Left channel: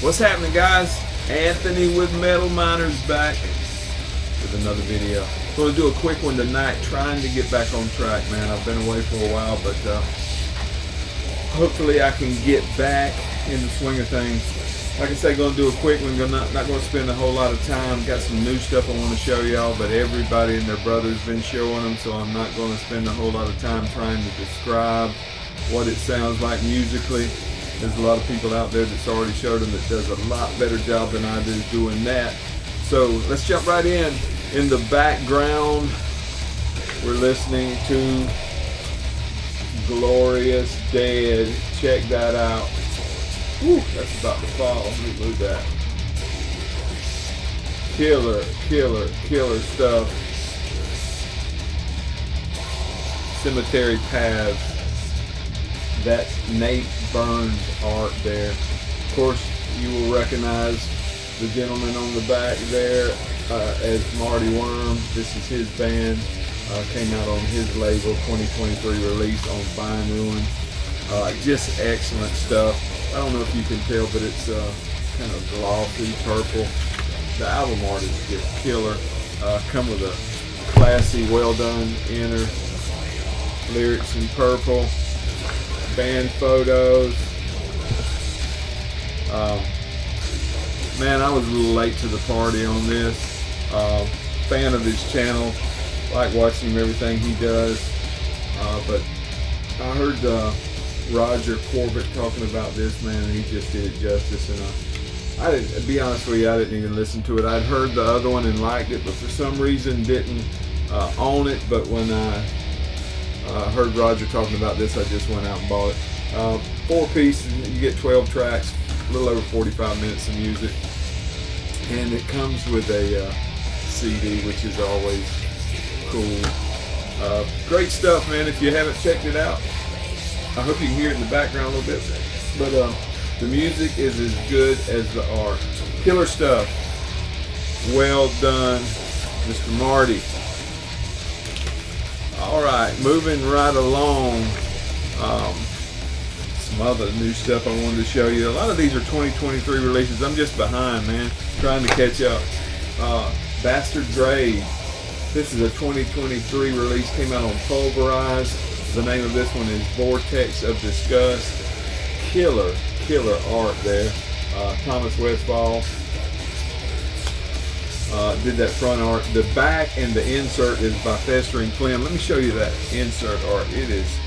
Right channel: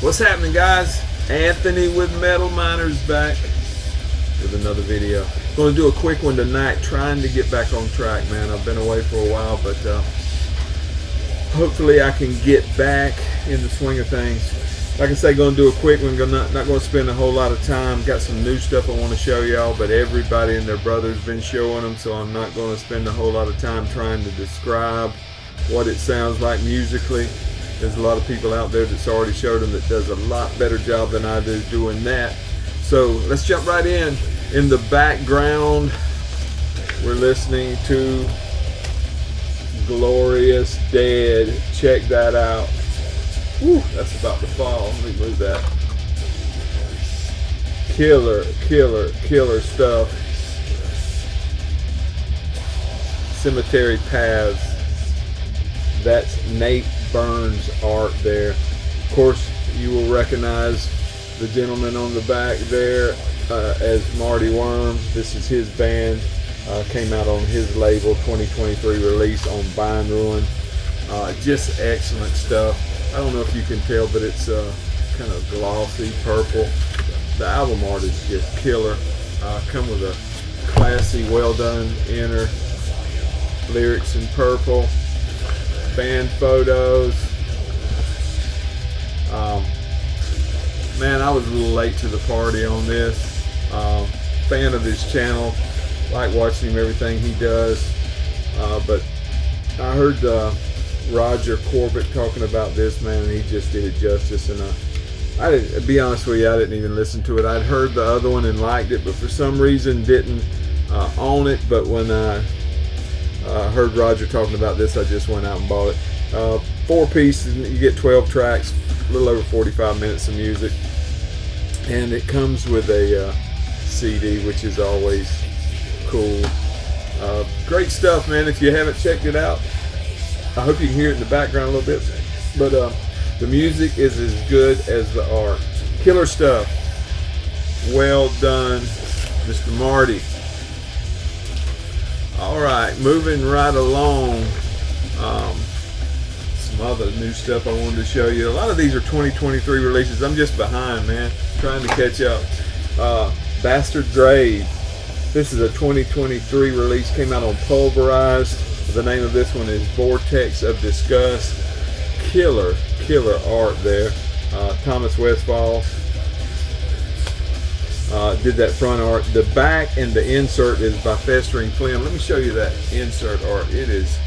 What's happening, guys? Anthony with Metal Miners back with another video. Going to do a quick one tonight, trying to get back on track, man. I've been away for a while, but hopefully I can get back in the swing of things. Like I say, going to do a quick one. Not going to spend a whole lot of time. Got some new stuff I want to show y'all, but everybody and their brother's been showing them, so I'm not going to spend a whole lot of time trying to describe what it sounds like musically. There's a lot of people out there that's already showed them that does a lot better job than I do doing that. So let's jump right in. In the background, we're listening to Glorious Dead. Check that out. Whew, that's about to fall. Let me move that. Killer stuff. Cemetery Paths. That's Nate Burns' art there. Of course, you will recognize the gentleman on the back there as Marty Worm. This is his band. Came out on his label, 2023 release on Bind Ruin. Just excellent stuff. I don't know if you can tell, but it's kind of glossy purple. The album art is just killer. Come with a classy, well done inner. Lyrics in purple. Band photos. Man, I was a little late to the party on this. Fan of his channel. Like watching him, everything he does. But I heard Roger Corbett talking about this, man, and he just did it justice. And I didn't, to be honest with you, I didn't even listen to it. I'd heard the other one and liked it, but for some reason didn't own it. But when I heard Roger talking about this, I just went out and bought it. 4-piece, you get 12 tracks, a little over 45 minutes of music, and it comes with a CD, which is always cool. Great stuff, man. If you haven't checked it out, I hope you can hear it in the background a little bit, but the music is as good as the art. Killer stuff. Well done, Mr. Marty. Alright, moving right along. Some other new stuff I wanted to show you. A lot of these are 2023 releases. I'm just behind, man. Trying to catch up. Bastard Grave. This is a 2023 release. Came out on Pulverized. The name of this one is Vortex of Disgust. Killer art there. Thomas Westfall did that front art. The back and the insert is by Festering Flynn. Let me show you that insert art. It is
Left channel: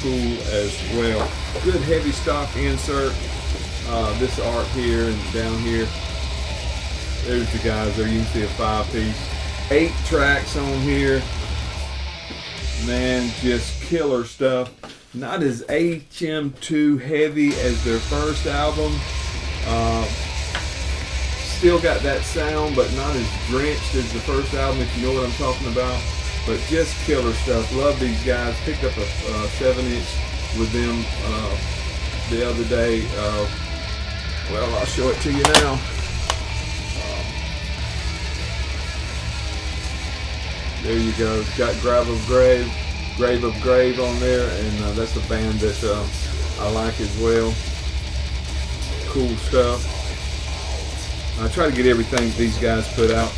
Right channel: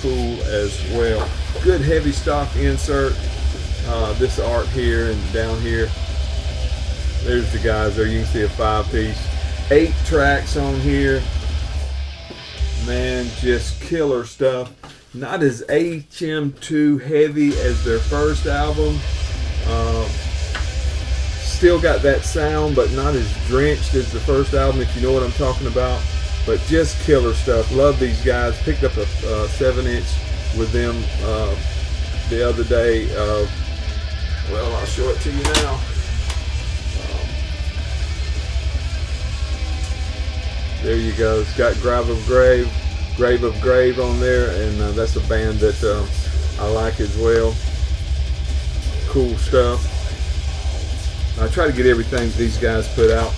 cool as well. Good heavy stock insert. This art here and down here. There's the guys there. You can see a 5-piece. 8 tracks on here. Man, just killer stuff. Not as HM2 heavy as their first album. Still got that sound, but not as drenched as the first album, if you know what I'm talking about. But just killer stuff. Love these guys. Picked up a 7-inch with them the other day. Well, I'll show it to you now. There you go. It's got Grave of Grave on there, and that's a band that I like as well. Cool stuff. I try to get everything these guys put out.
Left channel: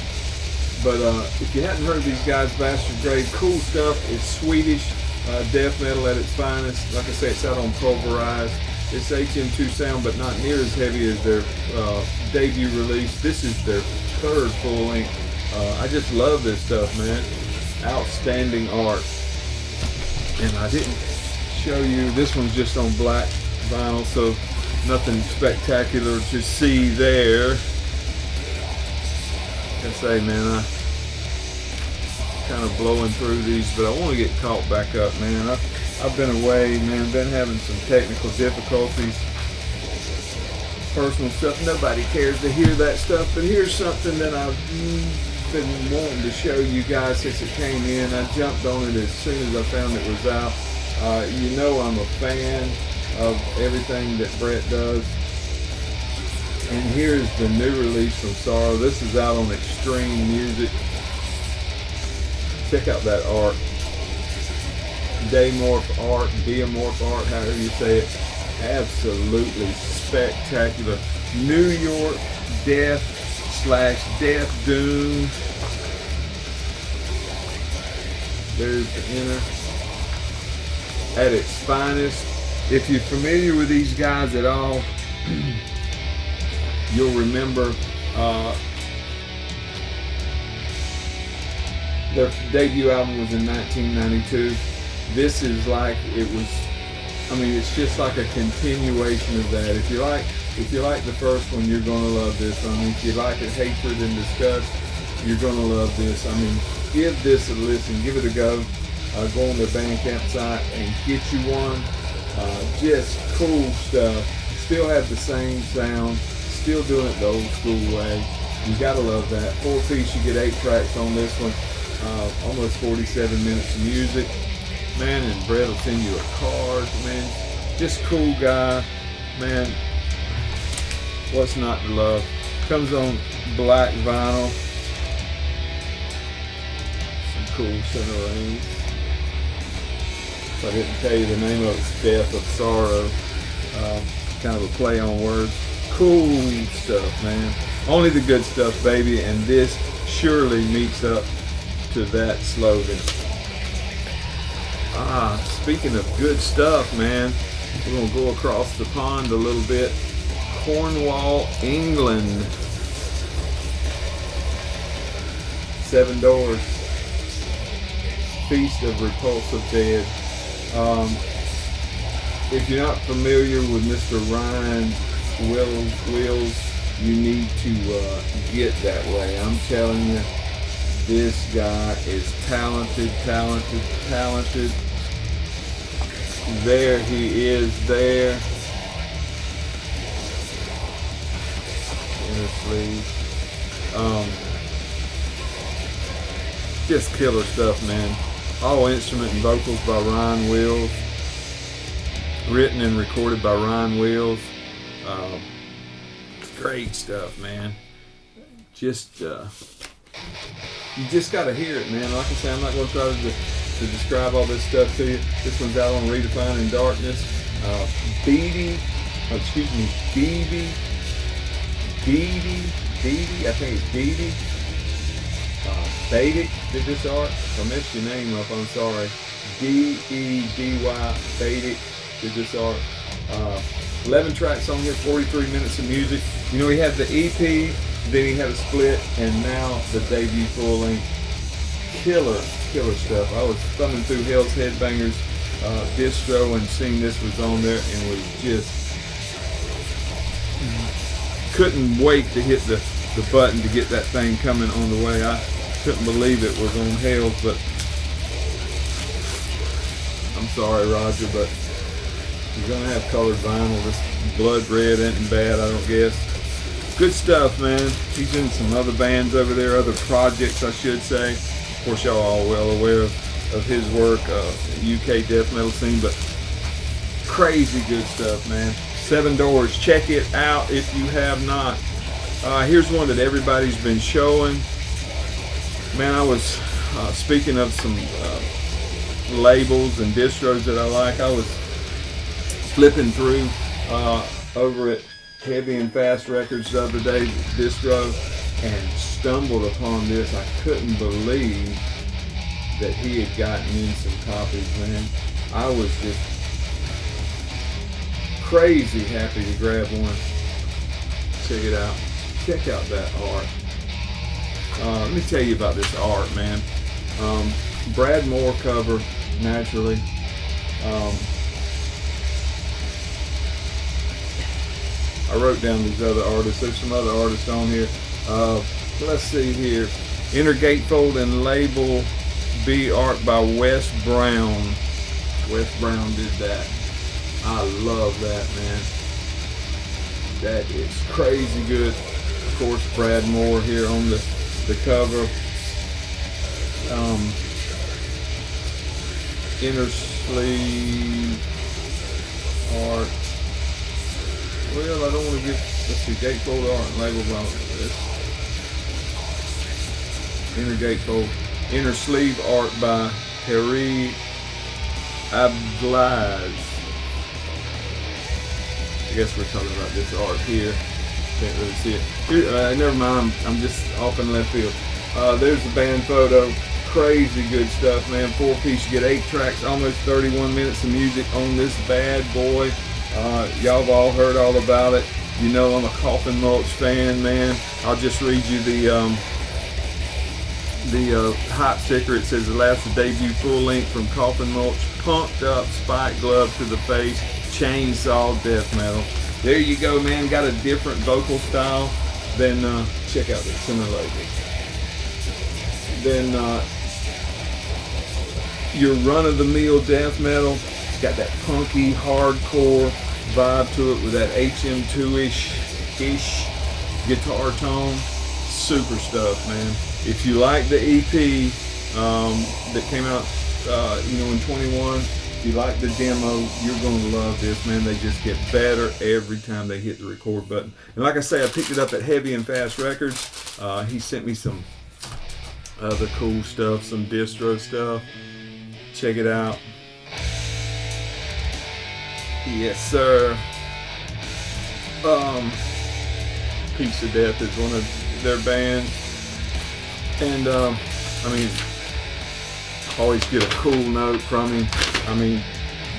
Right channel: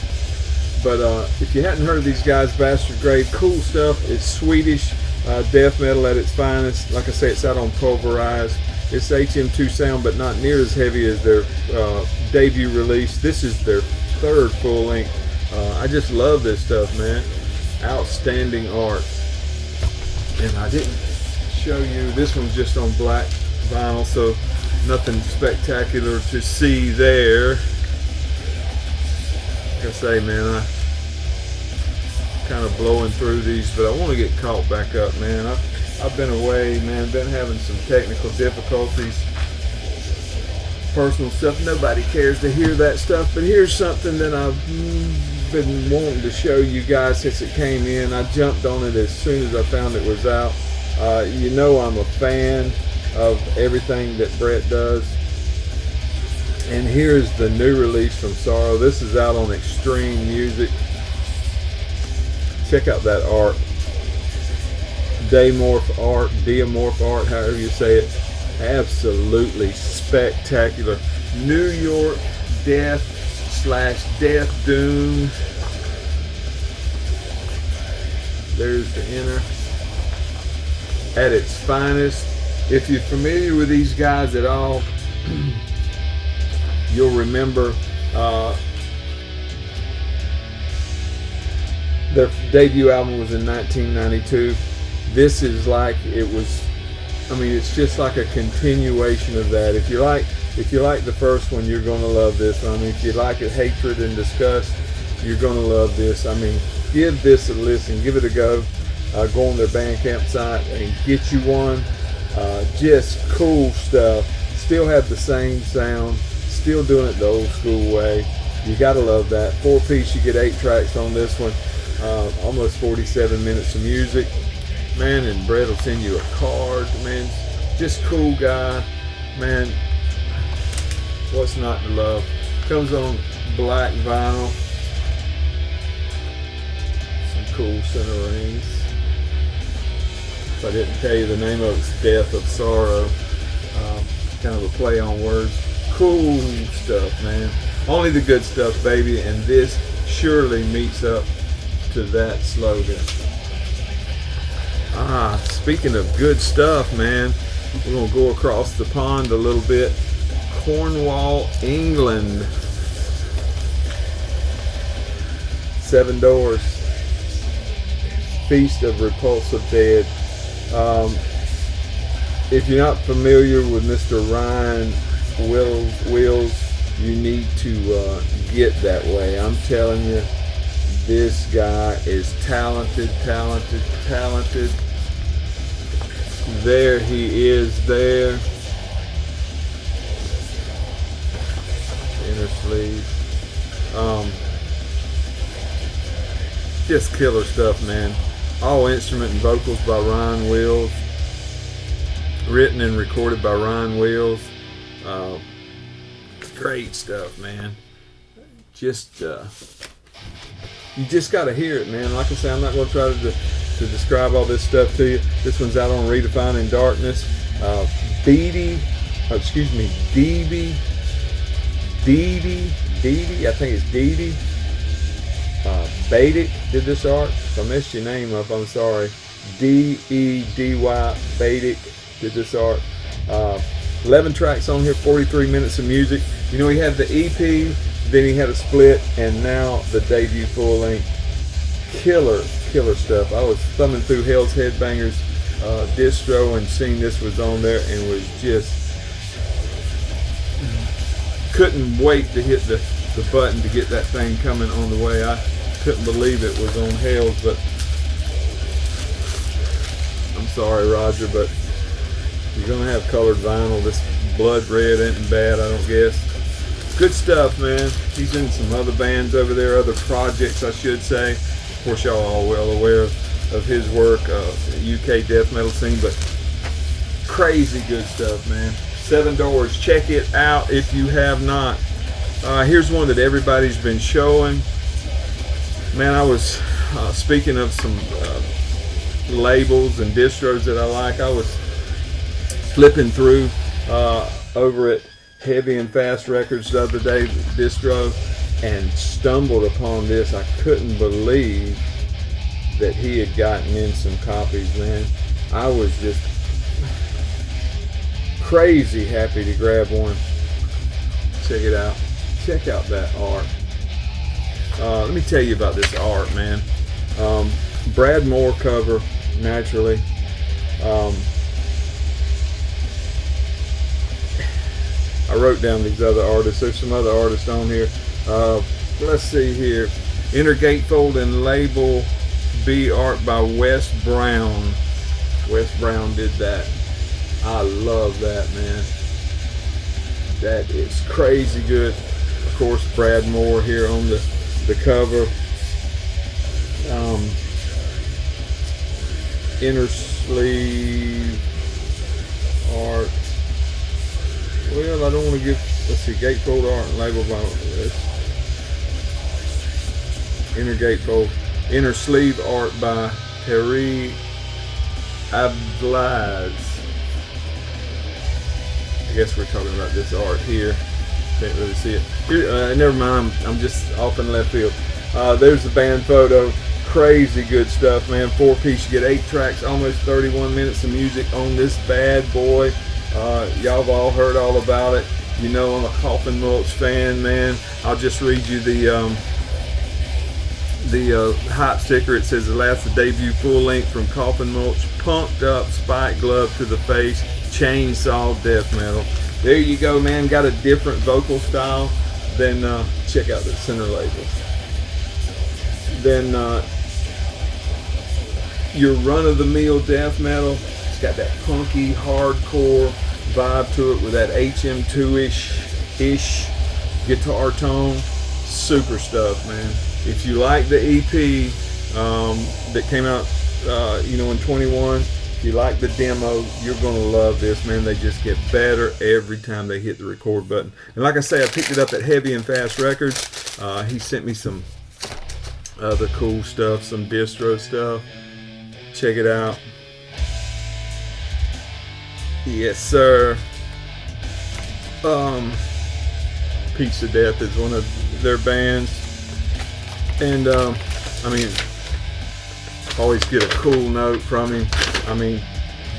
But if you hadn't heard of these guys, Bastard Grave, cool stuff. It's Swedish death metal at its finest. Like I say, it's out on Pulverized. It's HM2 sound, but not near as heavy as their debut release. This is their 3rd full length. I just love this stuff, man. Outstanding art. And I didn't show you, this one's just on black vinyl, so nothing spectacular to see there. Like I say, man, I kind of blowing through these, but I want to get caught back up, man. I've been away, man, been having some technical difficulties. Personal stuff, nobody cares to hear that stuff, but here's something that I've been wanting to show you guys since it came in. I jumped on it as soon as I found it was out. You know I'm a fan of everything that Brett does. And here's the new release from Sorrow. This is out on Extreme Music. Check out that art. Diamorph art, however you say it. Absolutely spectacular. New York Death/Death Doom. There's the inner at its finest. If you're familiar with these guys at all, you'll remember their debut album was in 1992. This is like it's just like a continuation of that. If you like the first one, you're gonna love this. I mean, if you like it, Hatred and Disgust, you're gonna love this. I mean, give this a listen, give it a go. Go on their Bandcamp site and get you one. Just cool stuff. Still have the same sound. Still doing it the old school way. You gotta love that. 4-piece, you get 8 tracks on this one. Almost 47 minutes of music. Man, and Brett will send you a card. Man, just cool guy. Man, what's not to love? Comes on black vinyl. Some cool center rings. If I didn't tell you the name of it's Death of Sorrow. Kind of a play on words. Cool stuff, man. Only the good stuff, baby, and this surely meets up to that slogan. Speaking of good stuff, man, we're gonna go across the pond a little bit. Cornwall, England. 7 Doors. Feast of Repulsive Dead. If you're not familiar with Mr. Ryan Wills, you need to get that way. I'm telling you, this guy is talented. There he is there. Inner sleeve. Just killer stuff, man. All instrument and vocals by Ryan Wills. Written and recorded by Ryan Wills. Great stuff, man. You just got to hear it, man. Like I say, I'm not going to try to describe all this stuff to you. This one's out on Redefining Darkness. Dee, I think it's Dee. Badic did this art. If I messed your name up, I'm sorry. Dedy Badic did this art. 11 tracks on here, 43 minutes of music. You know, he had the EP, then he had a split, and now the debut full length. Killer stuff. I was thumbing through Hell's Headbangers distro and seeing this was on there and was just couldn't wait to hit the button to get that thing coming on the way. I couldn't believe it was on Hell's, but I'm sorry, Roger, but you're gonna have colored vinyl. This blood red ain't bad, I don't guess. Good stuff, man. He's in some other bands over there, other projects, I should say. Of course, y'all are all well aware of his work, UK death metal scene, but crazy good stuff, man. 7 Doors, check it out if you have not. Here's one that everybody's been showing. Man, I was speaking of some labels and distros that I like. I was flipping through over at Heavy and Fast Records the other day, distro, and stumbled upon this. I couldn't believe that he had gotten in some copies, man. I was just crazy happy to grab one. Check it out. Check out that art. Let me tell you about this art, man. Brad Moore cover, naturally. I wrote down these other artists. There's some other artists on here. Let's see here. Inner Gatefold and Label B art by Wes Brown. Wes Brown did that. I love that, man. That is crazy good. Of course, Brad Moore here on the cover. Inner sleeve art. Well, I don't want to get, let's see, gatefold art and label by this. Inner gatefold. Inner sleeve art by Terry Ablaz. I guess we're talking about this art here. Can't really see it. Here, never mind, I'm just off in left field. There's the band photo. Crazy good stuff, man. 4-piece. You get 8 tracks, almost 31 minutes of music on this bad boy. Y'all have all heard all about it. You know I'm a Coffin Mulch fan, man. I'll just read you the hype sticker. It says, "That's the debut full length from Coffin Mulch. Punked up, spike glove to the face, chainsaw death metal." There you go, man. Got a different vocal style. Then check out the center label. Then your run-of-the-mill death metal. It's got that punky, hardcore vibe to it with that HM2-ish guitar tone. Super stuff, man. If you like the EP that came out, in 21, if you like the demo, you're gonna love this, man. They just get better every time they hit the record button. And like I say, I picked it up at Heavy and Fast Records. He sent me some other cool stuff, some Distro stuff. Check it out. Yes, sir. Piece of Death is one of their bands. And always get a cool note from him.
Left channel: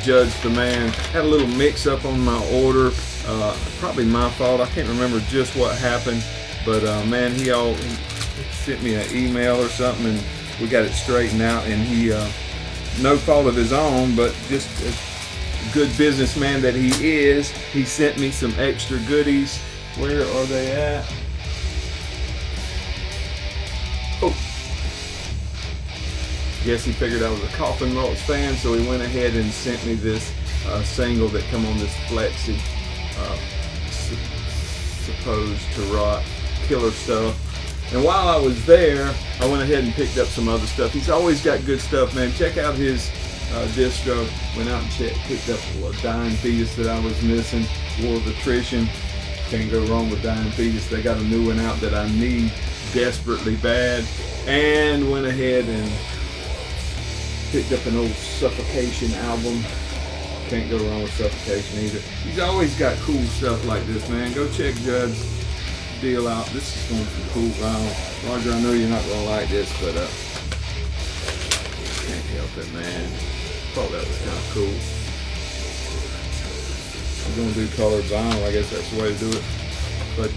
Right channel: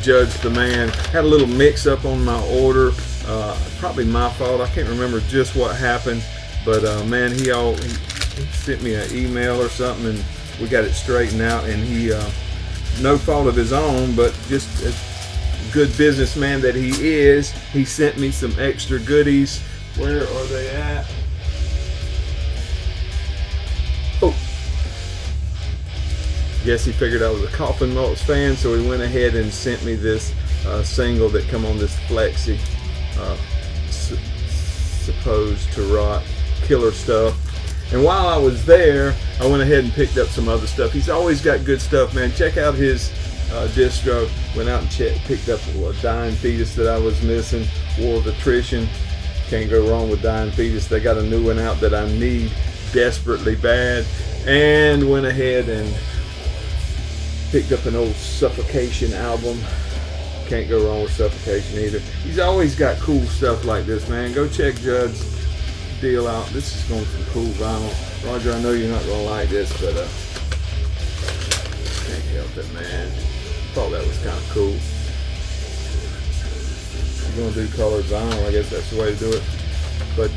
Judge the man. Had a little mix up on my order. Probably my fault. I can't remember just what happened. But man, he sent me an email or something, and we got it straightened out. And he, no fault of his own, but just as good businessman that he is, he sent me some extra goodies. Where are they at? Oh, guess he figured I was a Coffin Mulch fan, so he went ahead and sent me this single that come on this Flexi, supposed to rock, killer stuff. And while I was there, I went ahead and picked up some other stuff. He's always got good stuff, man. Check out his distro. Went out and picked up a Dying Fetus that I was missing. War of Attrition. Can't go wrong with Dying Fetus. They got a new one out that I need desperately bad. And went ahead and picked up an old Suffocation album. Can't go wrong with Suffocation either. He's always got cool stuff like this, man. Go check Judd's deal out. This is going some cool vinyl. Roger, I know you're not gonna like this, but can't help it, man. Thought that was kind of cool. If you're gonna do colored vinyl, I guess that's the way to do it. But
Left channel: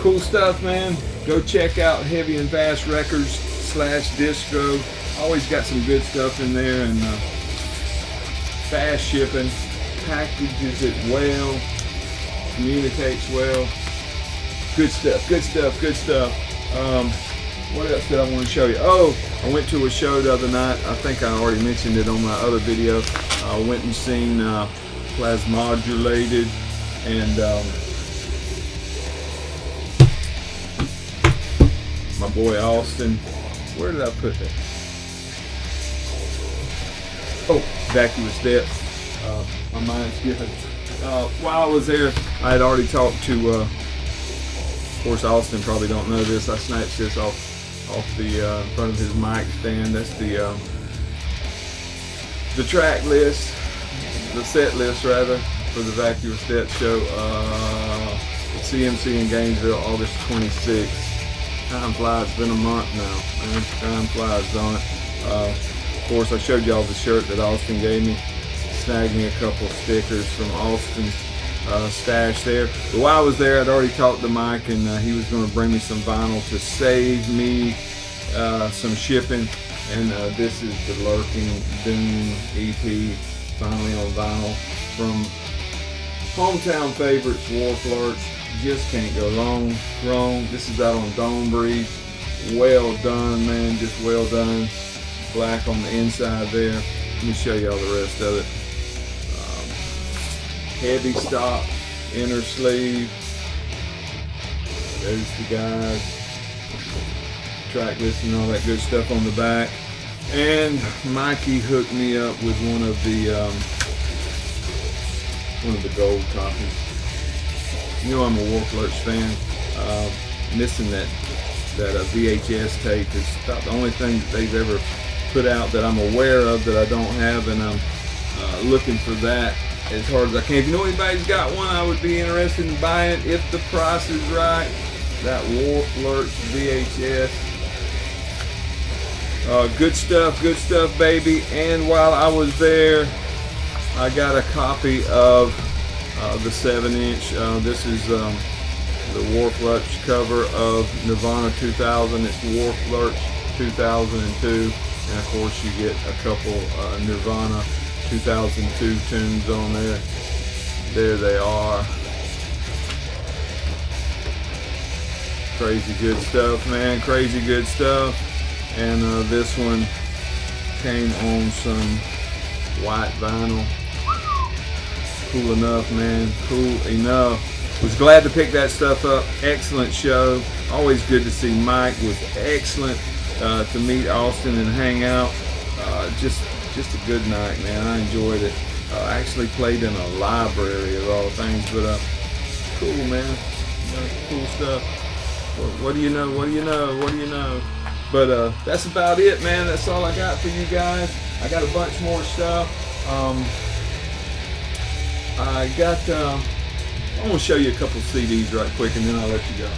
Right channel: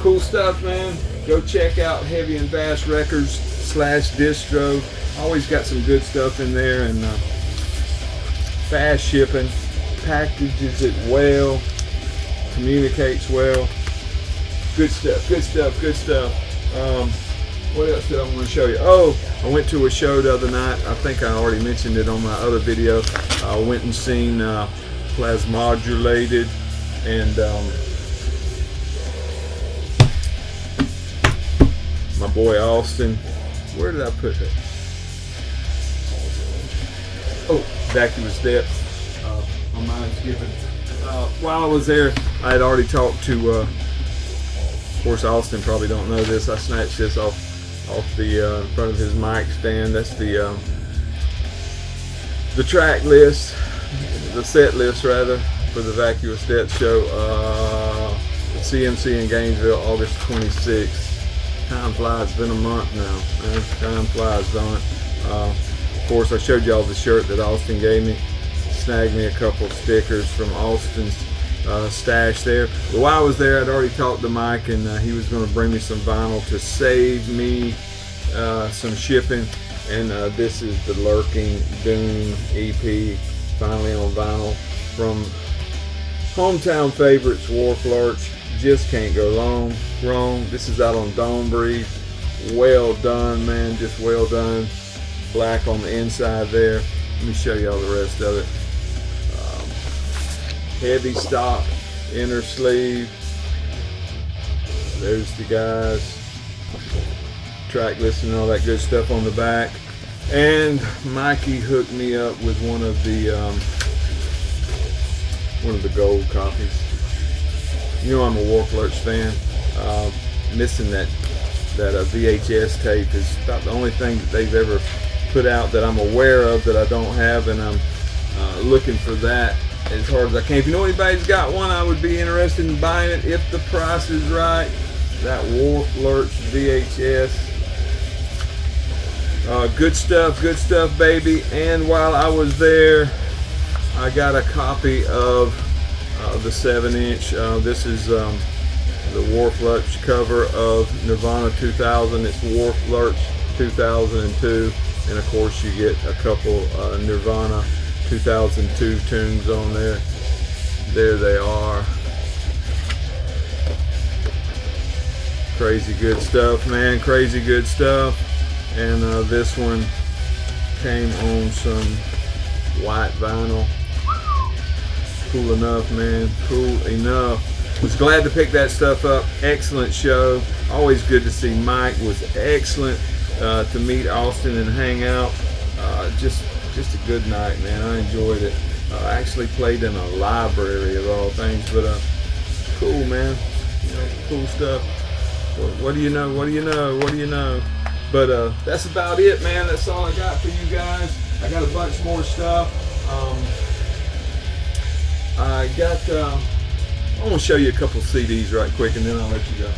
cool stuff, man. Go check out Heavy and Fast Records /Distro. Always got some good stuff in there, and fast shipping, packages it well, communicates well. Good stuff, good stuff, good stuff. What else did I want to show you? Oh, I went to a show the other night. I think I already mentioned it on my other video. I went and seen Plasmodulated and my boy Austin. Where did I put that? Oh, Vacuous Depths. My mind's skipping. While I was there, I had already talked to, of course, Austin probably don't know this. I snatched this off the front of his mic stand. That's the track list, the set list rather, for the Vacuous Depths show. CMC in Gainesville, August 26th. Time flies. It's been a month now, man. Time flies, don't it? Of course, I showed y'all the shirt that Austin gave me. Snagged me a couple stickers from Austin's stash there. But while I was there, I'd already talked to Mike, and he was going to bring me some vinyl to save me some shipping. And this is the Lurking Doom EP, finally on vinyl, from hometown favorites, Wharf Lurch. Just can't go wrong. This is out on Dome Breeze. Well done, man. Just well done. Black on the inside there. Let me show y'all the rest of it. Heavy stock, inner sleeve. There's the guys. Track list and all that good stuff on the back. And Mikey hooked me up with one of the gold copies. You know I'm a Wharf Lurch fan. Missing that VHS tape is about the only thing that they've ever put out that I'm aware of that I don't have, and I'm looking for that as hard as I can. If you know anybody's got one, I would be interested in buying it if the price is right. That Wharf Lurch VHS. Good stuff, baby. And while I was there, I got a copy of the 7-inch. This is the Wharf Lurch cover of Nirvana 2000. It's Wharf Lurch 2002. And of course you get a couple Nirvana 2002 tunes on there. There they are. Crazy good stuff, man. Crazy good stuff. And this one came on some white vinyl. Cool enough, man. Cool enough. Was glad to pick that stuff up. Excellent show. Always good to see Mike. Was excellent to meet Austin and hang out. Just a good night, man. I enjoyed it. I actually played in a library of all things, but cool, man. You know, cool stuff. What do you know? What do you know? What do you know? But that's about it, man. That's all I got for you guys. I got a bunch more stuff. I want to show you a couple CDs right quick, and then I'll let you go.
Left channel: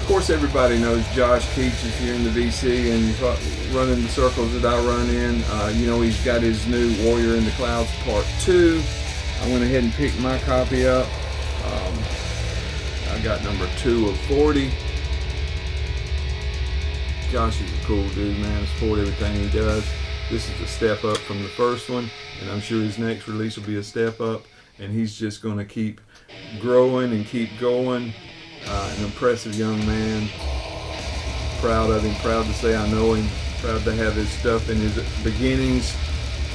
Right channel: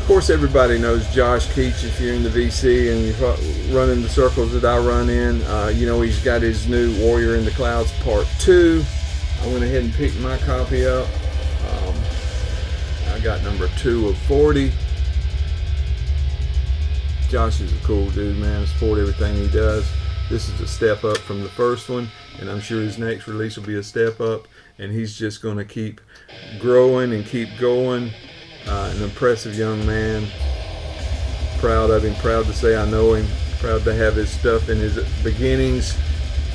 Of course, everybody knows Josh Keach if you're in the VC and you're running the circles that I run in. You know, he's got his new Warrior in the Clouds Part 2. I went ahead and picked my copy up. I got number 2 of 40. Josh is a cool dude, man. I support everything he does. This is a step up from the first one, and I'm sure his next release will be a step up, and he's just going to keep growing and keep going. An impressive young man. Proud of him, proud to say I know him, proud to have his stuff in his beginnings.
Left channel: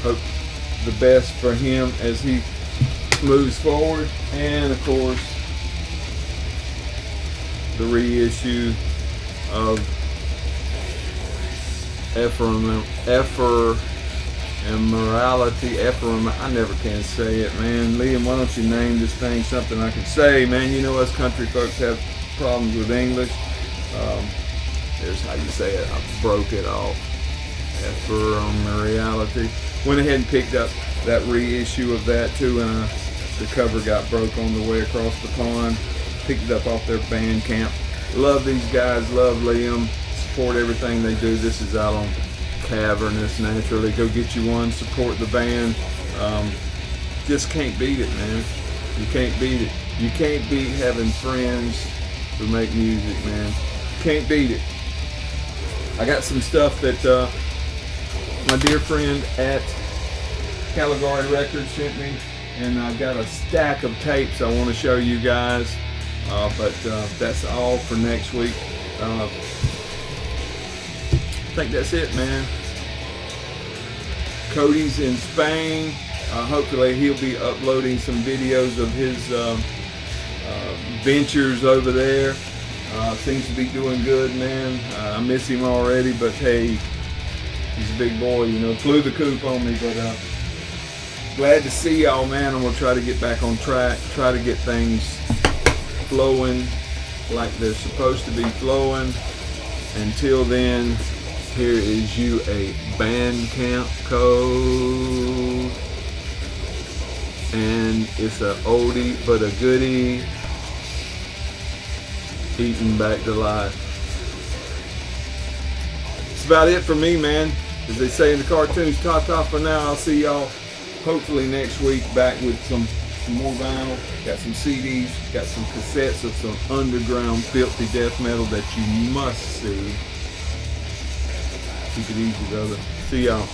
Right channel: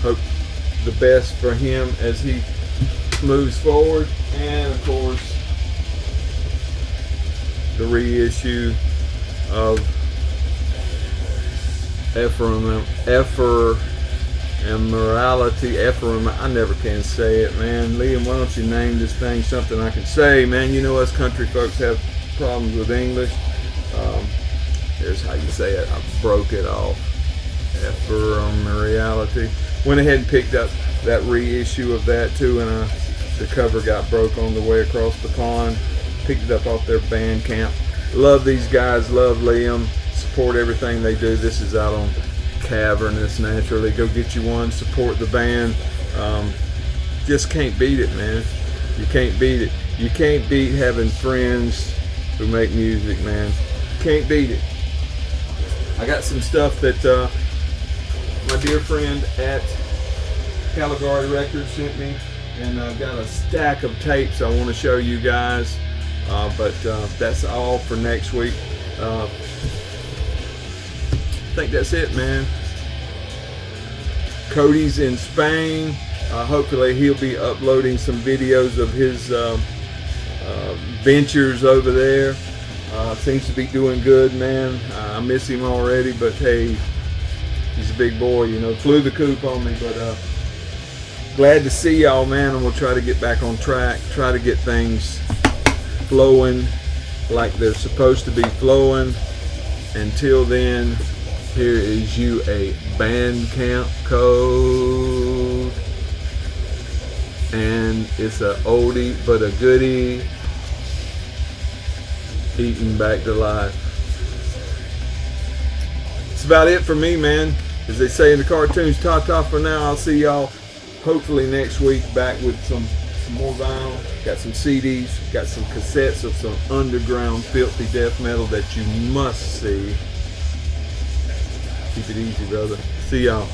Hope the best for him as he moves forward. And of course, the reissue of I never can say it, man. Liam, why don't you name this thing something I can say, man? You know us country folks have problems with English. There's how you say it. I broke it off. Ephemerality. Went ahead and picked up that reissue of that too, and the cover got broke on the way across the pond. Picked it up off their Bandcamp. Love these guys. Love Liam. Support everything they do. This is out on Cavernous Naturally. Go get you one. Support the band. Just can't beat it, man. You can't beat it. You can't beat having friends who make music, man. Can't beat it. I got some stuff that my dear friend at Caligari Records sent me, and I've got a stack of tapes I want to show you guys. But that's all for next week. I think that's it, man. Cody's in Spain. Hopefully he'll be uploading some videos of his ventures over there. Seems to be doing good, man. I miss him already, but hey, he's a big boy, you know. Flew the coop on me, but glad to see y'all, man. And we'll try to get back on track. Try to get things flowing like they're supposed to be flowing. Until then, here is you a Bandcamp code, and it's a oldie but a goodie. Eating back to life. It's about it for me, man. As they say in the cartoons, ta-ta for now. I'll see y'all hopefully next week back with some more vinyl. Got some CDs, got some cassettes of some underground filthy death metal that you must see. Keep it easy, brother. See y'all.